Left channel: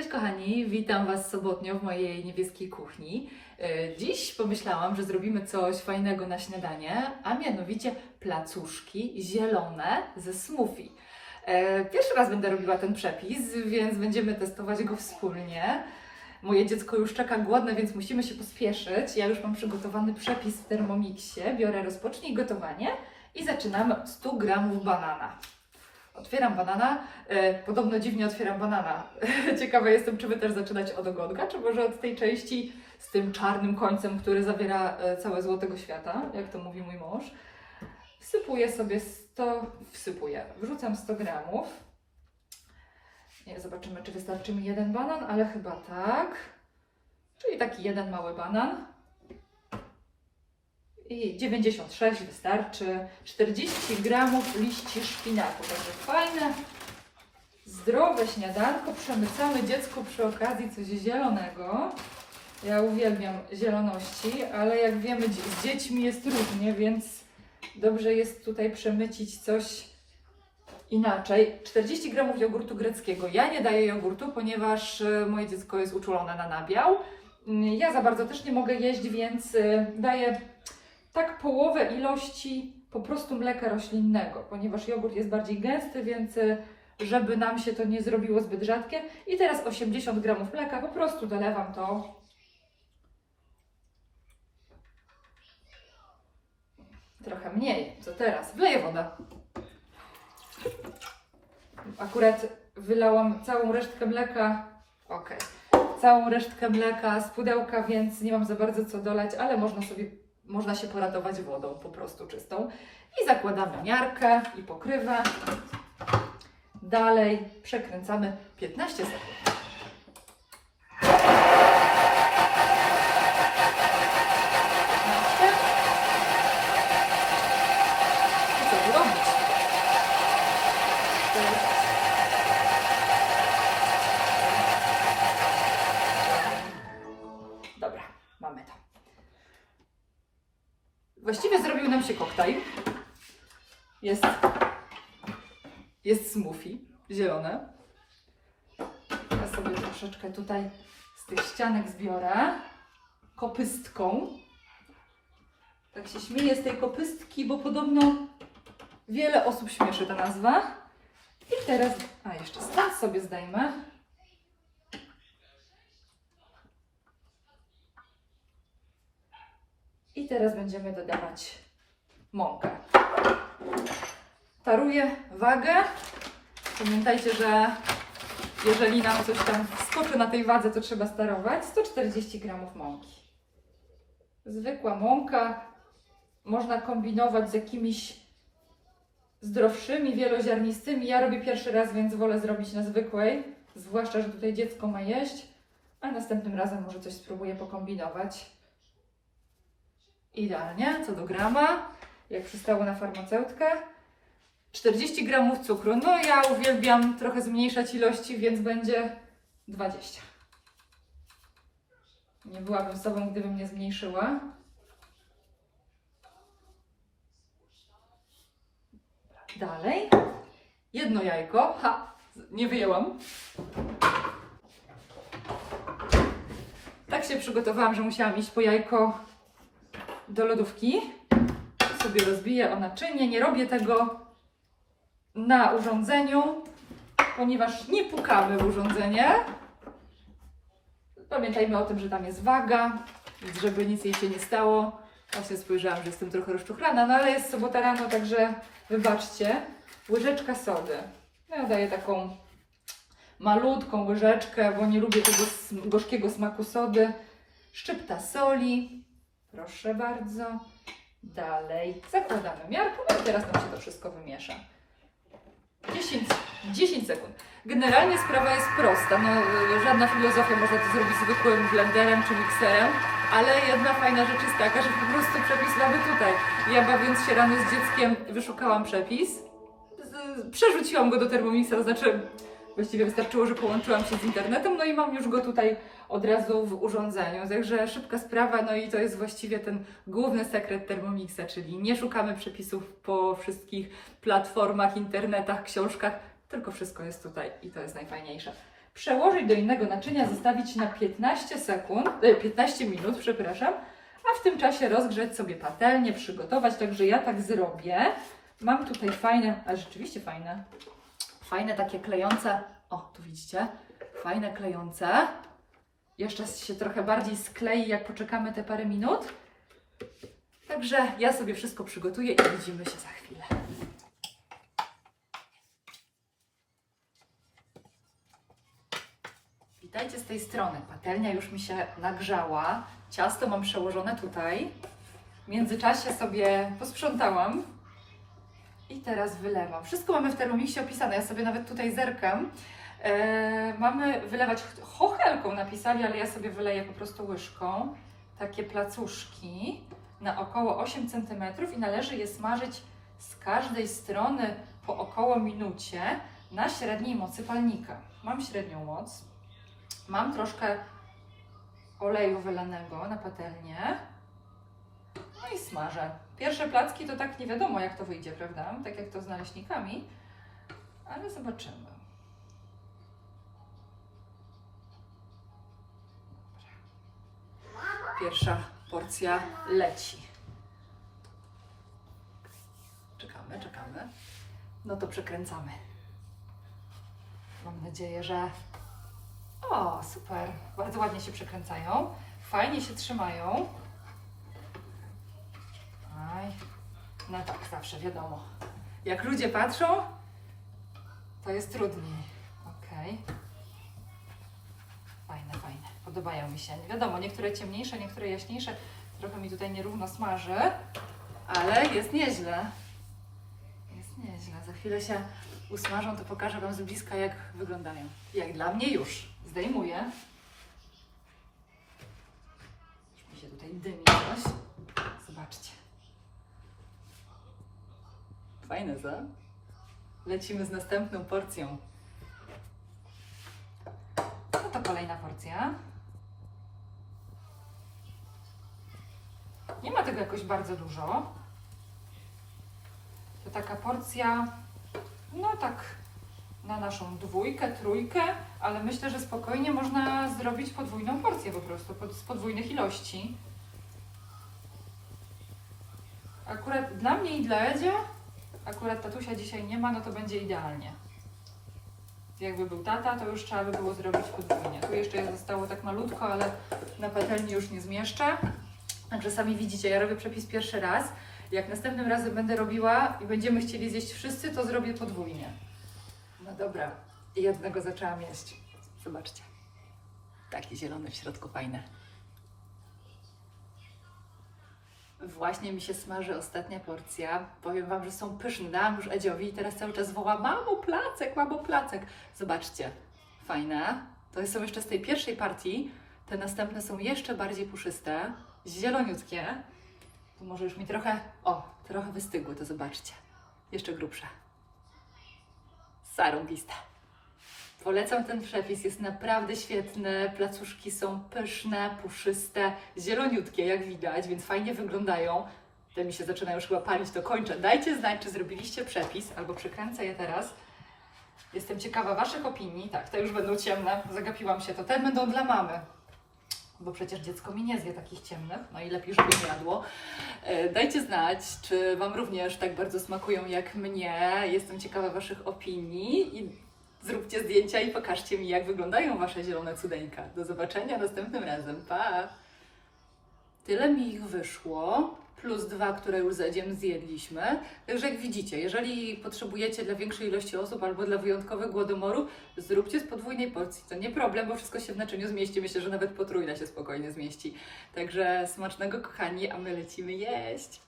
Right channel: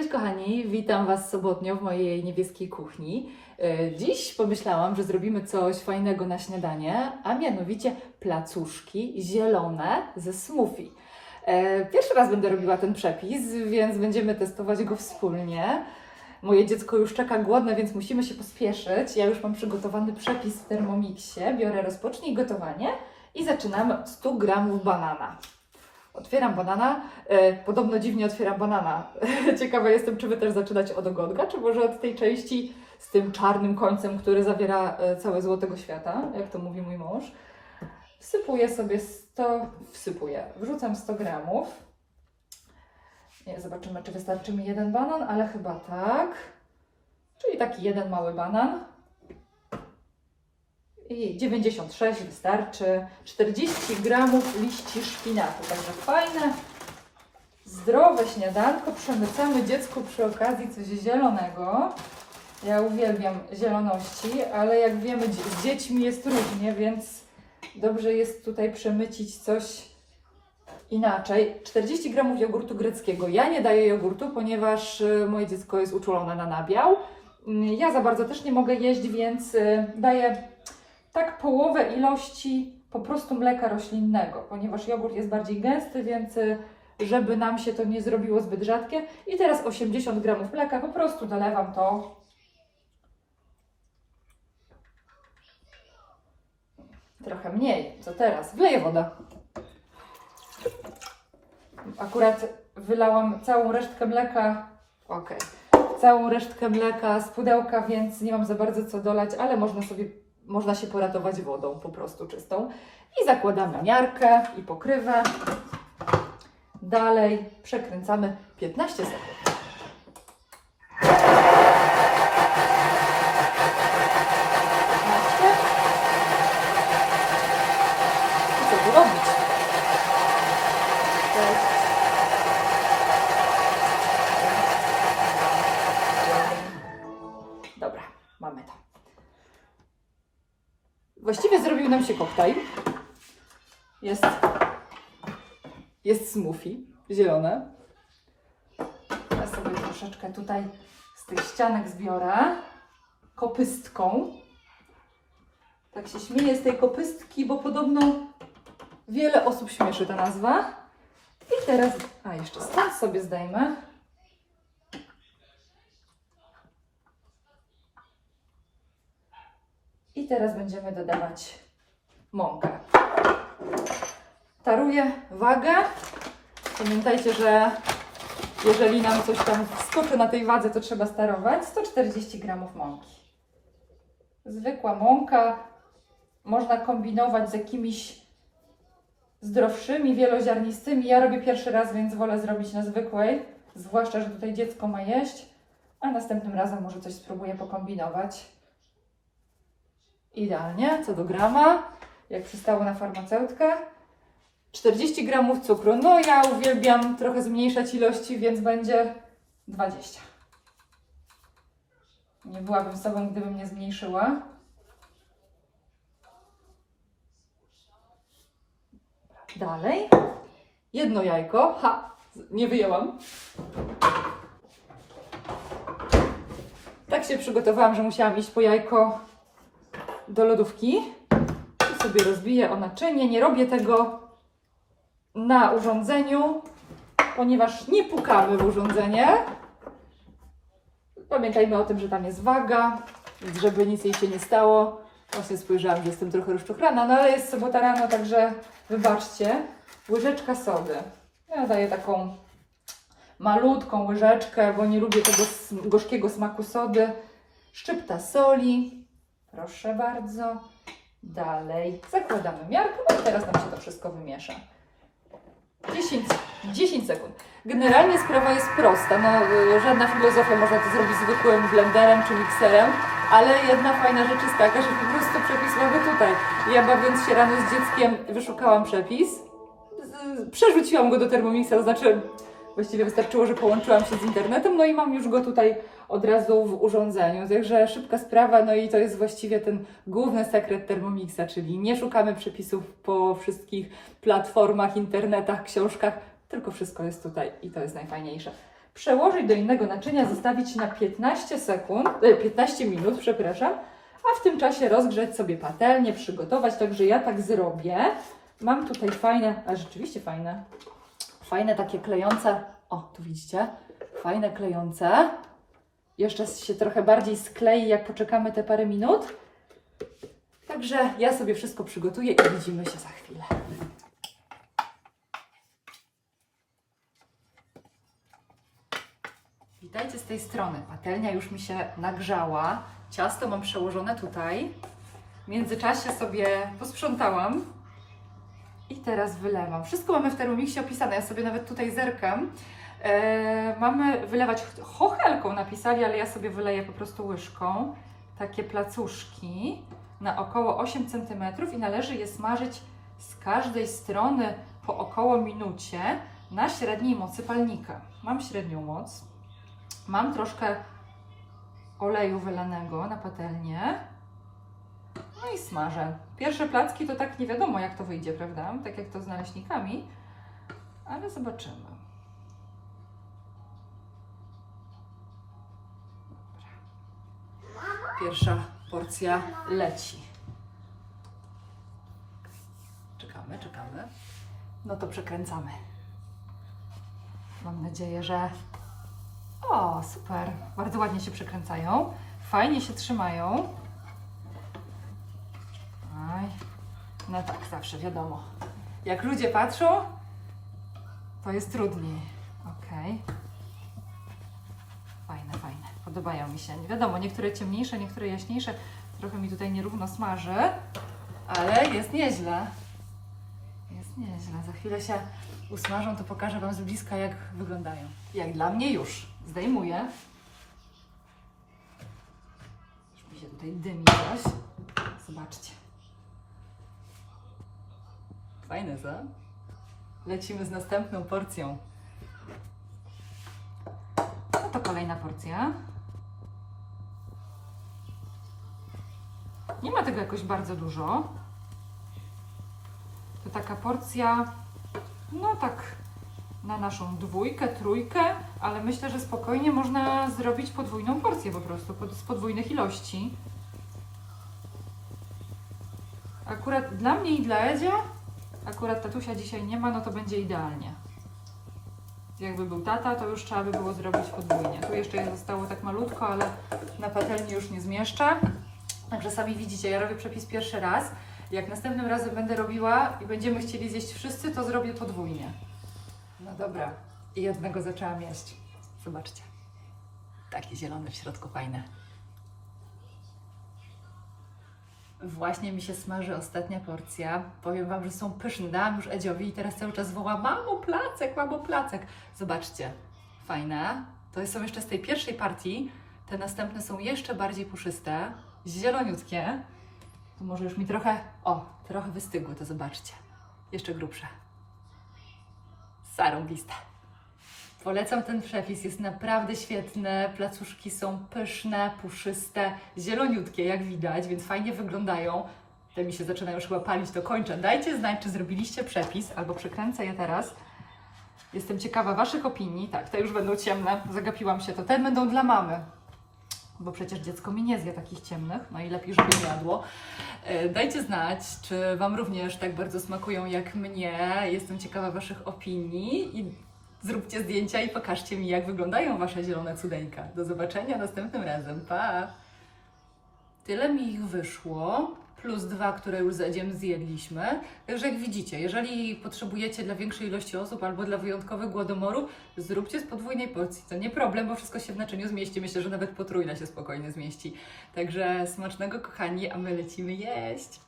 Cześć kochani, witam Was sobotnio w mojej niebieskiej kuchni. E, Dziś pomyślałam, że zrobimy coś fajnego na śniadanie, a mianowicie placuszki zielone ze smoothie. E, Pierwszy raz będę robiła ten przepis, więc będziemy testować go wspólnie. Moje dziecko już czeka głodne, więc musimy się pospieszyć. Ja już mam przygotowany przepis w Thermomixie. Biorę rozpocznij gotowanie i zaczynamy od 100 gramów banana. Otwieram banana. E, podobno dziwnie otwieram banana. Ciekawa jestem, czy Wy też zaczynać od ogonka, czy może od tej części z tym czarnym końcem, który zawiera e, całe złotego świata, jak to mówi mój mąż. Wsypuję sobie 100, wsypuję, wrzucam 100 gramów. Nie, zobaczymy, czy wystarczy mi jeden banan, ale chyba tak. Czyli taki jeden mały banan. I 96 wystarczy. 40 gramów liści szpinaku. Także fajne, zdrowe śniadanko. Przemycamy dziecku przy okazji coś zielonego. Ja uwielbiam zieloności, ale jak wiemy, z dziećmi jest różnie, więc dobrze jest tutaj przemycić coś inaczej. 40 gramów jogurtu greckiego. Ja nie daję jogurtu, ponieważ y, moje dziecko jest uczulone na nabiał. Mm, Ja za bardzo też nie mogę jeść, więc y, daję tak połowę ilości po prostu mleka roślinnego, ponieważ jogurt jest bardziej gęsty, więc y, żeby nam się to nie zrobiło zbyt rzadkie. I teraz 80 gramów mleka, po prostu dolewam to. Trochę mniej, co teraz? Wleję wodę. Akurat wylałam całą resztkę mleka. Okej. Całą resztkę mleka z pudełka, więc nie mam za bardzo co dolać, ale można sobie, można się poratować wodą po prostu czystą. I zakładamy miarkę i pokrywę. Dalej przekręcamy 15 sekund. Właściwie zrobił nam się koktajl. Jest, jest smoothie zielone. Ja sobie troszeczkę tutaj z tych ścianek zbiorę kopystką. Tak się śmieję z tej kopystki, bo podobno wiele osób śmieszy ta nazwa. I teraz, a jeszcze stąd sobie zdejmę. I teraz będziemy dodawać mąkę. Taruję wagę. Pamiętajcie, że jeżeli nam coś tam skoczy na tej wadze, to trzeba starować. 140 gramów mąki. Zwykła mąka. Można kombinować z jakimiś zdrowszymi, wieloziarnistymi. Ja robię pierwszy raz, więc wolę zrobić na zwykłej. Zwłaszcza, że tutaj dziecko ma jeść. A następnym razem może coś spróbuję pokombinować. Idealnie, co do grama, jak przystało na farmaceutkę. 40 gramów cukru. No ja uwielbiam trochę zmniejszać ilości, więc będzie 20. Nie byłabym sobą, gdybym nie zmniejszyła. Dalej. Jedno jajko. Ha! Nie wyjęłam. Tak się przygotowałam, że musiałam iść po jajko do lodówki. I sobie rozbiję o naczynie. Nie robię tego na urządzeniu, ponieważ nie pukamy w urządzenie. Pamiętajmy o tym, że tam jest waga, więc żeby nic jej się nie stało. Właśnie spojrzałam, że jestem trochę rozczuchrana, no ale jest sobota rano, także wybaczcie. Łyżeczka sody. Ja daję taką malutką łyżeczkę, bo nie lubię tego gorzkiego smaku sody. Szczypta soli. Proszę bardzo. Dalej. Zakładamy miarkę, no i teraz nam się to wszystko wymiesza. 10, 10 sekund. Generalnie sprawa jest prosta. No, y, żadna filozofia można to zrobić zwykłym blenderem czy mikserem, ale jedna fajna rzecz jest taka, że po prostu przepis mamy tutaj. Ja bawiąc się rano z dzieckiem wyszukałam przepis, przerzuciłam go do Thermomixa, to znaczy właściwie wystarczyło, że połączyłam się z internetem, no i mam już go tutaj od razu w urządzeniu. Także szybka sprawa, no i to jest właściwie ten główny sekret Thermomixa, czyli nie szukamy przepisów po wszystkich platformach, internetach, książkach, tylko wszystko jest tutaj i to jest najfajniejsze. przełożyć do innego naczynia, zostawić na 15 sekund, e, 15 minut, przepraszam, a w tym czasie rozgrzać sobie patelnię, przygotować, także ja tak zrobię. Mam tutaj fajne, a rzeczywiście fajne, fajne takie klejące, o tu widzicie, fajne klejące. Jeszcze się trochę bardziej sklei, jak poczekamy te parę minut. Także ja sobie wszystko przygotuję i widzimy się za chwilę. Witajcie z tej strony. Patelnia już mi się nagrzała. Ciasto mam przełożone tutaj. W międzyczasie sobie posprzątałam i teraz wylewam. Wszystko mamy w Thermomixie opisane. Ja sobie nawet tutaj zerkam. E, mamy wylewać chochelką napisali, ale ja sobie wyleję po prostu łyżką. Takie placuszki na około 8 cm i należy je smażyć z każdej strony po około minucie na średniej mocy palnika. Mam średnią moc. Mam troszkę oleju wylanego na patelnię. No i smażę. Pierwsze placki to tak nie wiadomo jak to wyjdzie, prawda? Tak jak to z naleśnikami. Ale zobaczymy. Pierwsza porcja leci. Czekamy, czekamy. No to przekręcamy. Mam nadzieję, że. O, super. Bardzo ładnie się przekręcają. Fajnie się trzymają. No tak, zawsze wiadomo. Jak ludzie patrzą, to jest trudniej. Okej. Fajne, fajne. Podobają mi się. Nie wiadomo, niektóre ciemniejsze, niektóre jaśniejsze. Trochę mi tutaj nierówno smaży, ale jest nieźle. Jest nieźle. Za chwilę się usmażą, to pokażę Wam z bliska, jak wyglądają. Jak dla mnie już. Zdejmuję. Już mi się tutaj dymi coś. Zobaczcie. Fajne, co? Lecimy z następną porcją. No to kolejna porcja. Nie ma tego jakoś bardzo dużo. To taka porcja, no tak na naszą dwójkę, trójkę, ale myślę, że spokojnie można zrobić podwójną porcję po prostu, z podwójnych ilości. Akurat dla mnie i dla Edzia, akurat tatusia dzisiaj nie ma, no to będzie idealnie. Jakby był tata, to już trzeba by było zrobić podwójnie. Tu jeszcze je zostało tak malutko, ale na patelni już nie zmieszczę. Także sami widzicie, ja robię przepis pierwszy raz. Jak następnym razem będę robiła i będziemy chcieli zjeść wszyscy, to zrobię podwójnie. No dobra. I jednego zaczęłam jeść. Zobaczcie. Takie zielone w środku fajne. Właśnie mi się smaży ostatnia porcja. Powiem Wam, że są pyszne. Dałam już Edziowi i teraz cały czas woła mamo placek, mamo placek. Zobaczcie. Fajne. To są jeszcze z tej pierwszej partii. Te następne są jeszcze bardziej puszyste. Zieloniutkie. Tu może już mi trochę... O, trochę wystygły, to zobaczcie. Jeszcze grubsze. Zarąbiste. Polecam ten przepis, jest naprawdę świetny. Placuszki są pyszne, puszyste, zieloniutkie, jak widać, więc fajnie wyglądają. Te mi się zaczynają już chyba palić, to kończę. Dajcie znać, czy zrobiliście przepis, albo przekręcę je teraz. Jestem ciekawa Waszych opinii. Tak, te już będą ciemne, zagapiłam się. To ten będą dla mamy, bo przecież dziecko mi nie zje takich ciemnych, no i lepiej, żeby nie jadło. E, Dajcie znać, czy Wam również tak bardzo smakują jak mnie. Jestem ciekawa Waszych opinii zróbcie zdjęcia i pokażcie mi, jak wyglądają Wasze zielone cudeńka. Do zobaczenia następnym razem. Pa! Tyle mi ich wyszło, plus dwa, które już z Edziem zjedliśmy. Także jak widzicie, jeżeli potrzebujecie dla większej ilości osób albo dla wyjątkowego głodomoru, zróbcie z podwójnej porcji. To nie problem, bo wszystko się w naczyniu zmieści. Myślę, że nawet potrójna się spokojnie zmieści. Także smacznego, kochani, a my lecimy jeść.